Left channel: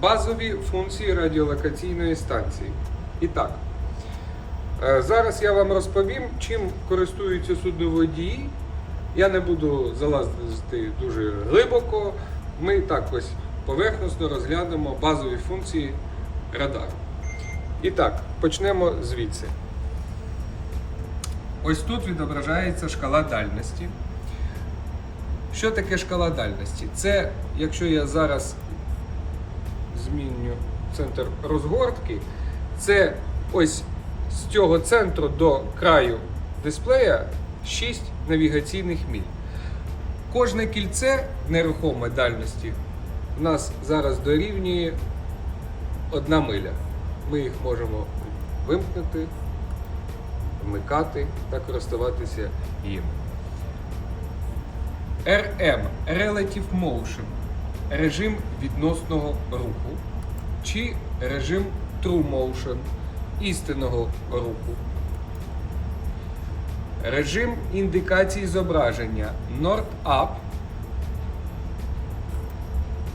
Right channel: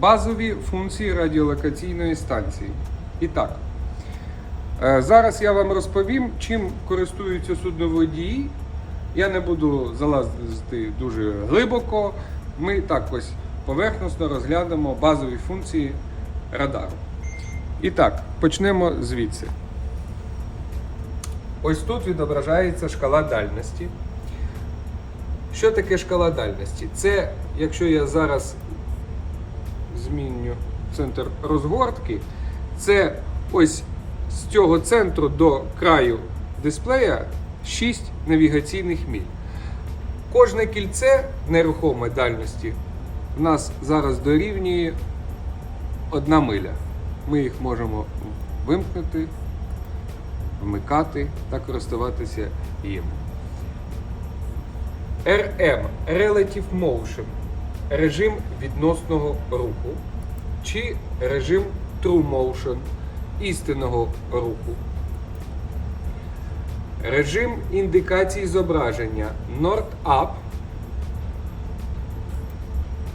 Базові функції радіолокаційної станції. І так, е, зараз я вам розповім, чим користуються судноводії. Я не буду залазити дуже глибоко. Ми так ось поверхносно розглянемо базові функції радару. І так, почнемо звідси. Ось тут відображається шкала дальності. Що таке шкала дальності? Це, якщо я зараз зміню центр розгортки, це ось з цього центру до краю дисплея 6 навігаційних міль. Кожне кільце нерухомої дальності у нас зараз дорівнює 1 миля. Ми їх можемо вимкнути, вмикати та користуватися їм. RM Relative Motion режим відносного руху чи режим True Motion істинного руху. Режим індикації зображення North Up,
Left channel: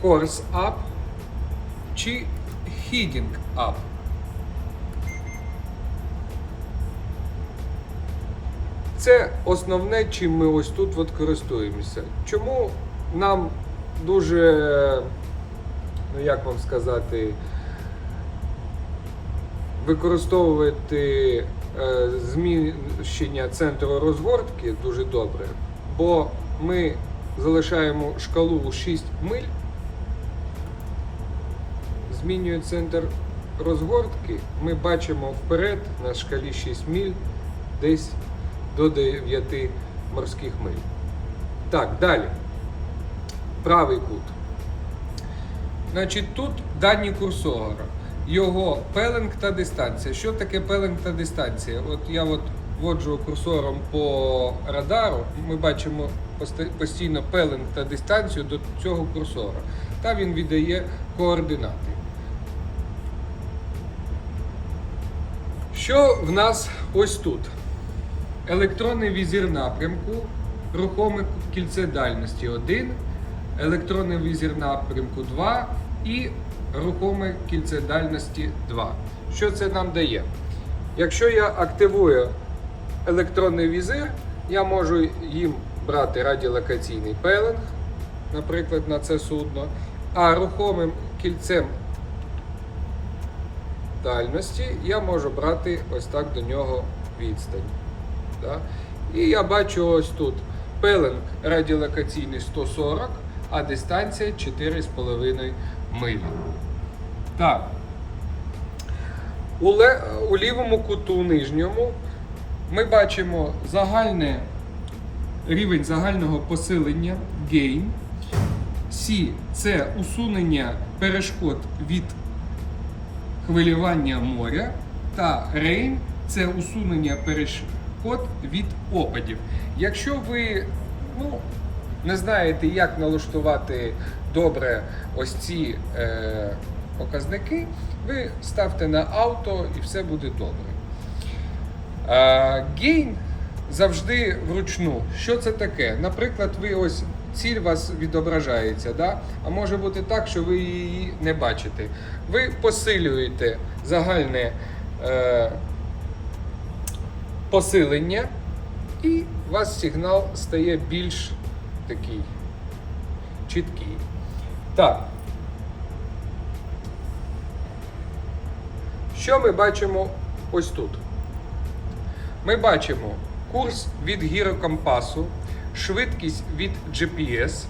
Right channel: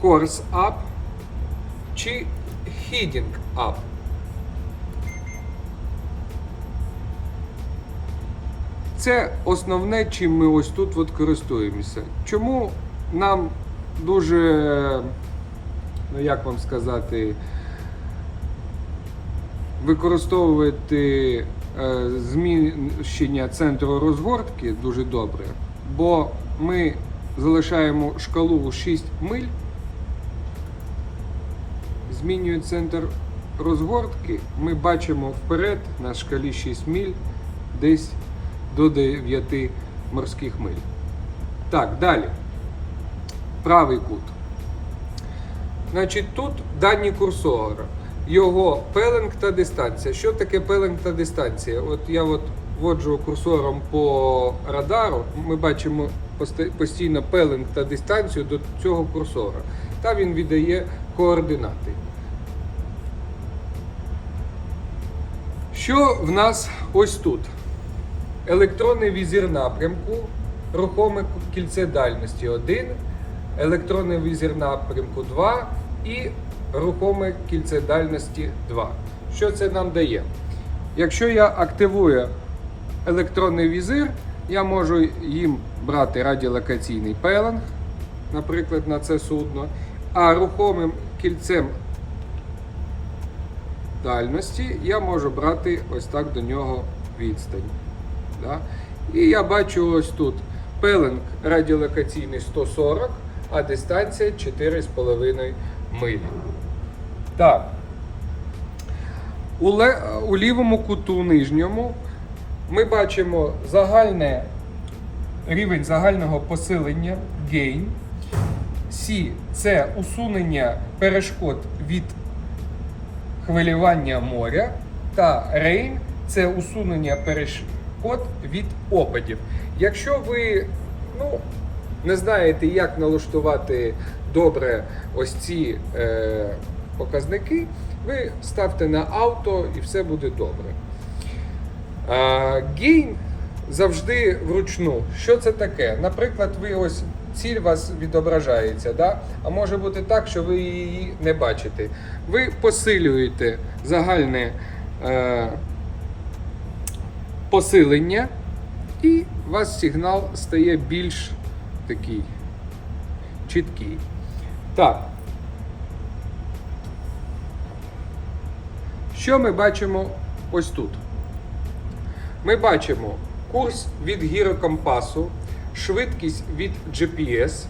Course Up чи Heading Up. Це основне, чим ми ось тут от користуємося. Чому нам дуже, ну як вам сказати, використовувати е, зміщення центру розгортки дуже добре, бо ми залишаємо шкалу у 6 миль, змінює центр розгортки, ми бачимо вперед на шкалі 6 миль десь до 9 морських миль. Так, далі. Правий кут. Значить, тут дані курсора. Його пеленг та дистанція. Що таке пеленг та дистанція? От я от вводжу курсором по радару, ми бачимо постійно пеленг та дистанцію до цього курсора. Та він віддає координати. Що в нас ось тут? електронний візір напрямку, рухоме кільце дальності 1, електронний візір напрямку 2 і рухоме кільце дальності 2. Що це нам дає? Якщо я активую електронний візир, я можу їм брати радіолокаційний пеленг, наприклад, на це судно, а рухомим кільцем дальності я можу брати ось так до нього відстань. Да? І я бачу ось тут пеленг радіолокаційний 140, а дистанція 4,5 милі. Так. У, ле- у лівому куту нижньому ми бачимо загальне, рівень загального посилення gain. C це усунення перешкод від хвилювання моря та рейн це усунення перешкод від опадів. Якщо ви ну, не знаєте, як налаштувати добре ось ці е, показники, ви ставте на авто і все буде добре. Гейн завжди вручну. Що це таке? Наприклад, ви ось ціль вас відображається, да? а може бути так, що ви її не бачите. Ви посилюєте загальне е, посилення, і у вас сигнал стає більш такий чіткий. Так. Що ми бачимо ось тут? Ми бачимо курс від гірокомпасу, швидкість від GPS,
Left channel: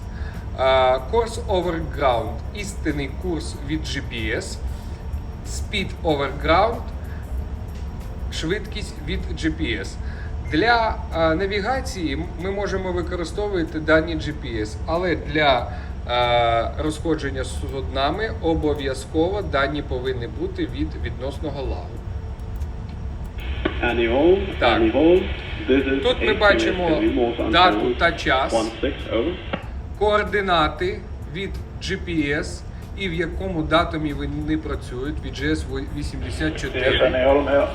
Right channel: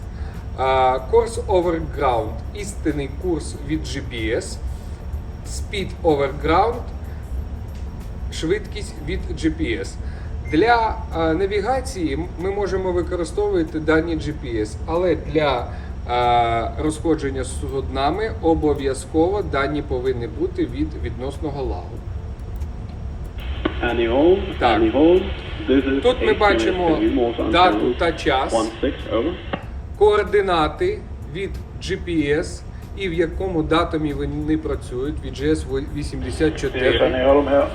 курс over ground, істинний курс від GPS, speed over ground, швидкість від GPS. Для навігації ми можемо використовувати дані GPS, але для розходження з суднами обов'язково дані повинні бути від відносного лагу. Так. Тут ми бачимо дату та час, координати від GPS і в якому датумі вони працюють від GS 84. Е,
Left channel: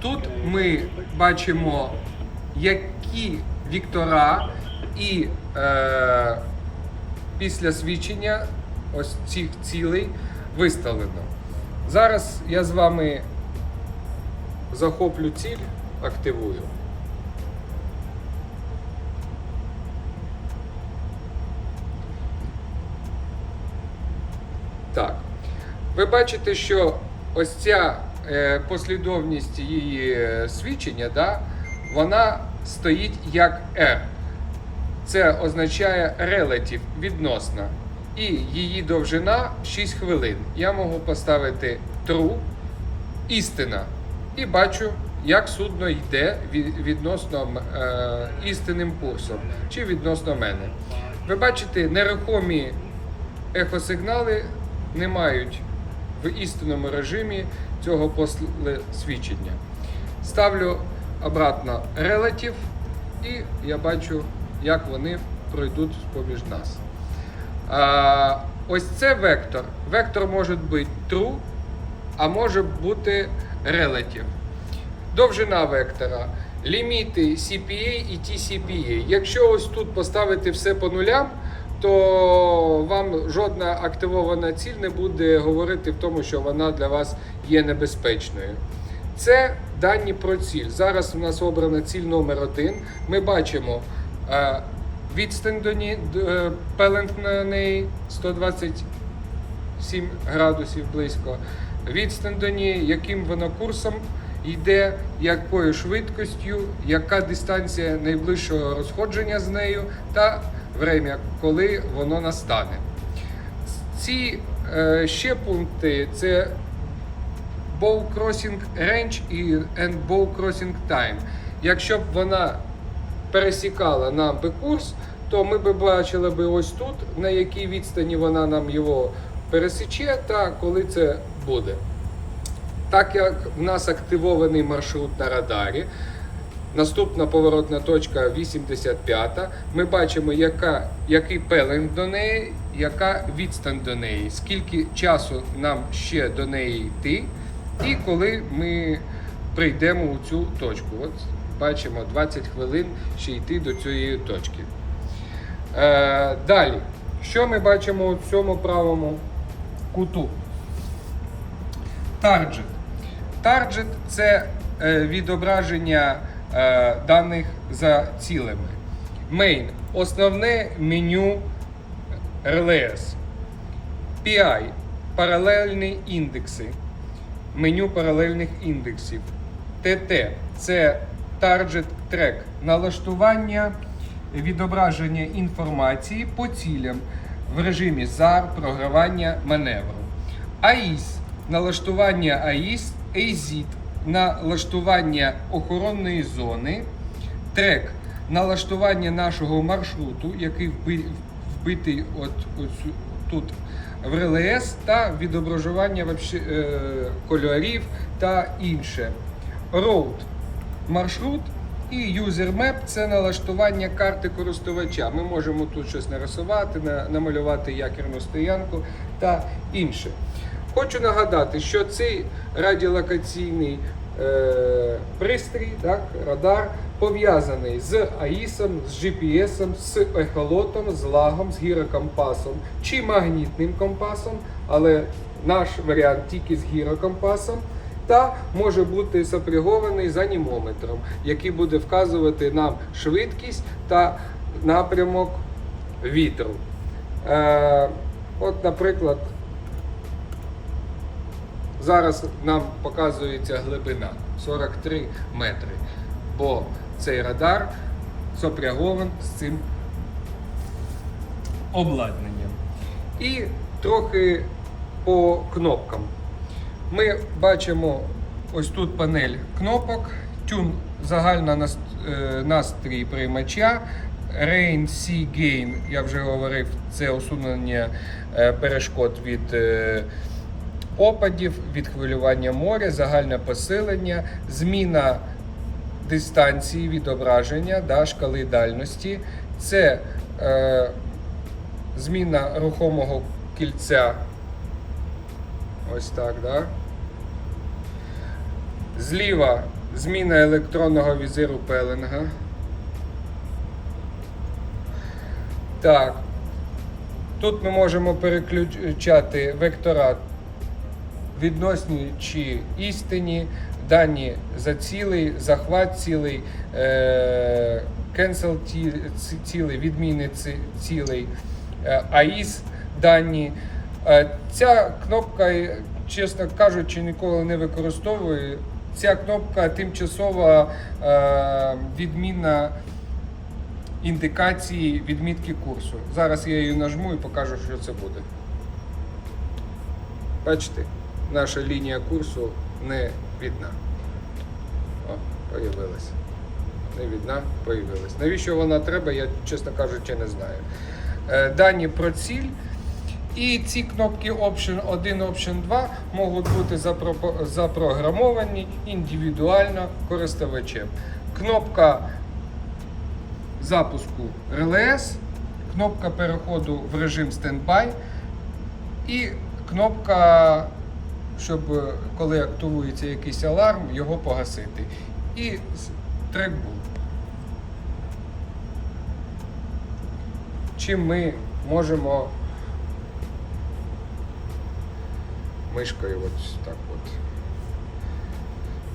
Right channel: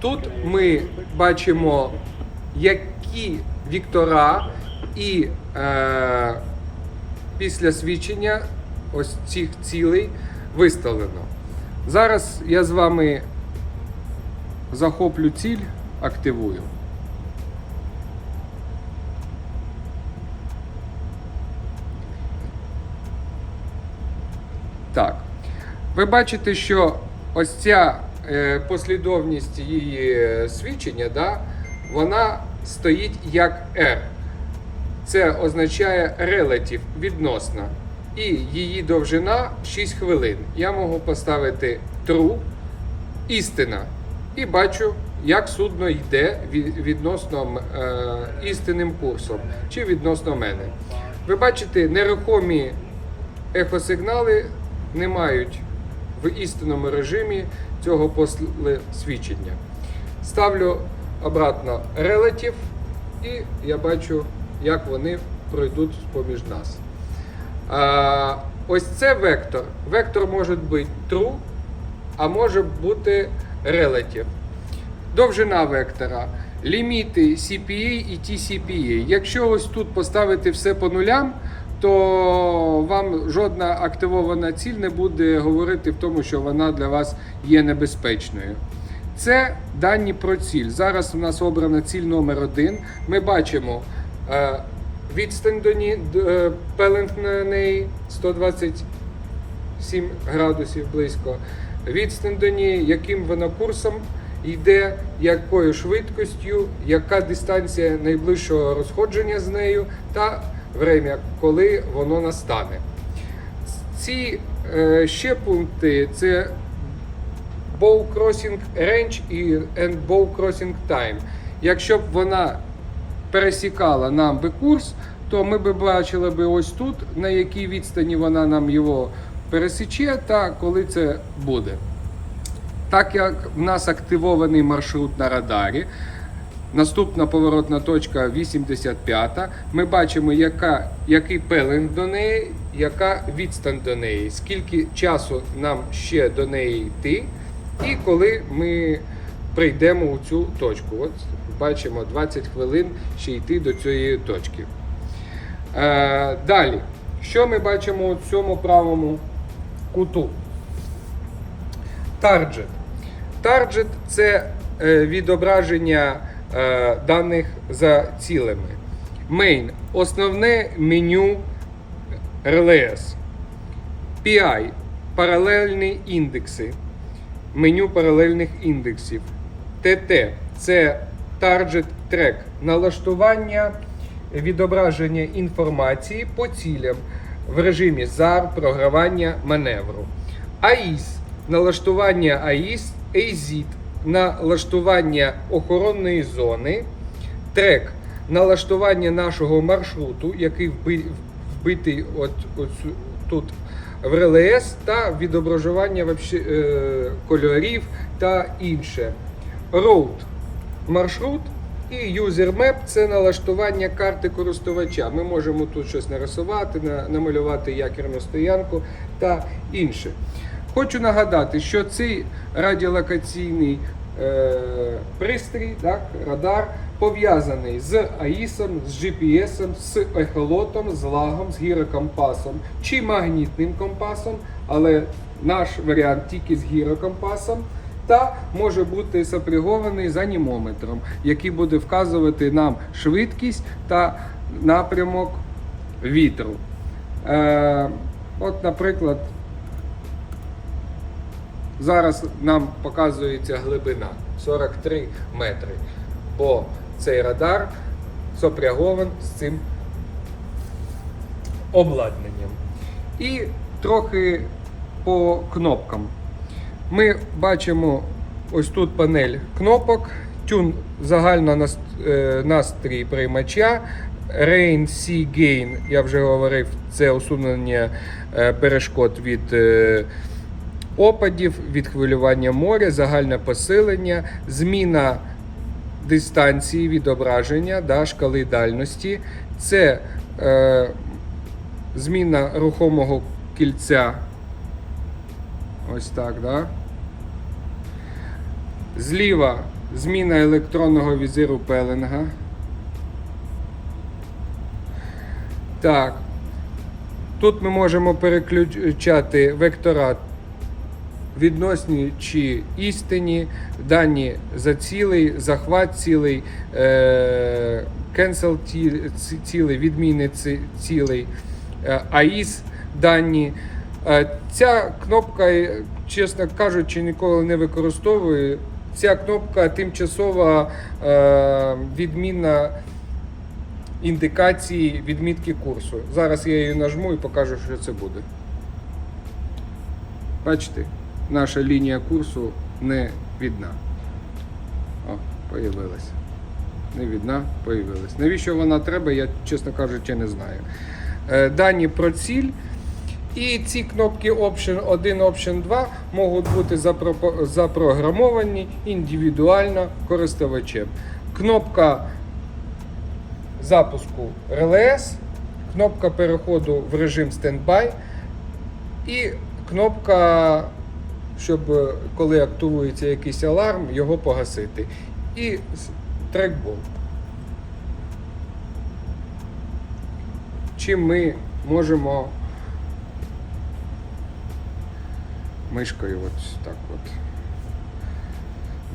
Тут ми бачимо, які віктора і е, після свідчення ось цих цілей виставлено. Зараз я з вами захоплю ціль, активую. Так. Ви бачите, що ось ця е, послідовність її е, свідчення, да, вона стоїть як R. Це означає relative, відносна. І її довжина 6 хвилин. Я можу поставити true, істина. І бачу, як судно йде відносно е, істинним курсом чи відносно мене. Ви бачите, нерухомі ехосигнали не мають в істинному режимі цього после свідчення. Ставлю обратно relative і я бачу, як вони пройдуть поміж нас. А, ось це вектор. Вектор може бути true, а може бути relative. Довжина вектора, ліміти CPA і TCPA. Якщо ось тут поставити все по нулям, то вам жодна активована ціль не буде говорити в тому, що вона для вас є небезпечною. Це дані про ціль. Зараз у нас обрана ціль номер один. Ми бачимо е, відстань до е, пелент на неї 127 градусів близько. Відстань до неї, яким вона курсом йде, якою швидкістю, яка дистанція найближчого розходження з нею, та время, коли воно настане. Ці е, ще пункти це bow crossing range і and bow crossing time. Якщо б вона пересікала нам би курс, то ми б бачили би ось тут, на якій відстані вона нам його пересіче, та коли це буде. Так як в нас активований маршрут на радарі, наступна поворотна точка 85, ми бачимо, яка, який пеленг до неї, яка відстань до неї, скільки часу нам ще до неї йти, і коли ми прийдемо у цю точку. От бачимо 20 хвилин ще йти до цієї точки. Е, далі, що ми бачимо у цьому правому куту? Тарджет. Тарджет це е, відображення е, даних за цілями. Main основне меню RLS. PI паралельні індекси. Меню паралельних індексів. ТТ це Target Track. Налаштування відображення інформації по цілям в режимі ZAR програвання маневру. АІС налаштування АІС, AZIT налаштування охоронної зони, трек налаштування нашого маршруту, який вбитий от, от тут в РЛС, та відображення вообще, е, кольорів та інше. Road маршрут і Map – це налаштування карти користувача. Ми можемо тут щось нарисувати, на- намалювати якірну стоянку та інше. Хочу нагадати, що цей радіолокаційний пристрій, так, радар, пов'язаний з АІСом, з GPS, з ехолотом, з лагом, з гірокомпасом чи магнітним компасом, але наш варіант тільки з гірокомпасом. Та може бути сопрягований з анімометром, який буде вказувати нам швидкість та напрямок вітру. Е, от, наприклад, зараз нам показується глибина 43 метри, бо цей радар сопрягован з цим обладнанням. І трохи по кнопкам. Ми бачимо ось тут панель кнопок, тюн загальна е, настрій приймача, Rain Sea Gain, я вже говорив, це усунення е, перешкод від е, опадів, від хвилювання моря, загальне посилення, зміна дистанції відображення, да, шкали дальності. Це е, зміна рухомого кільця. Ось так, да? Зліва зміна електронного візиру пеленга. Так. Тут ми можемо переключати вектора відносні чи істинні, дані за цілий, захват цілий, ці- цілий, відміни цілий, е, AIS дані. Е, Ця кнопка, е, чесно кажучи, ніколи не використовую. Ця кнопка тимчасова відміна індикації відмітки курсу. Зараз я її нажму і покажу, що це буде. Бачите, наша лінія курсу не видна. О, появилась. Не видна, появилась. Навіщо вона треба, я, чесно кажучи, не знаю. Е, Дані про ціль. І ці кнопки Option 1, Option 2 можуть бути запрограмовані індивідуально користувачем. Кнопка запуску релес, кнопка переходу в режим стендбай і кнопка, щоб е, коли активується якийсь аларм, його погасити. І трекбол. Чим ми можемо мишкою от так от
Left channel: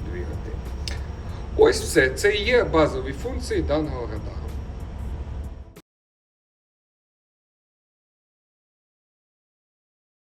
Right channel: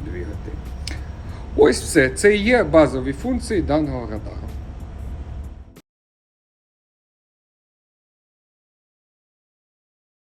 двигати. Ось все. Це і є базові функції даного радару.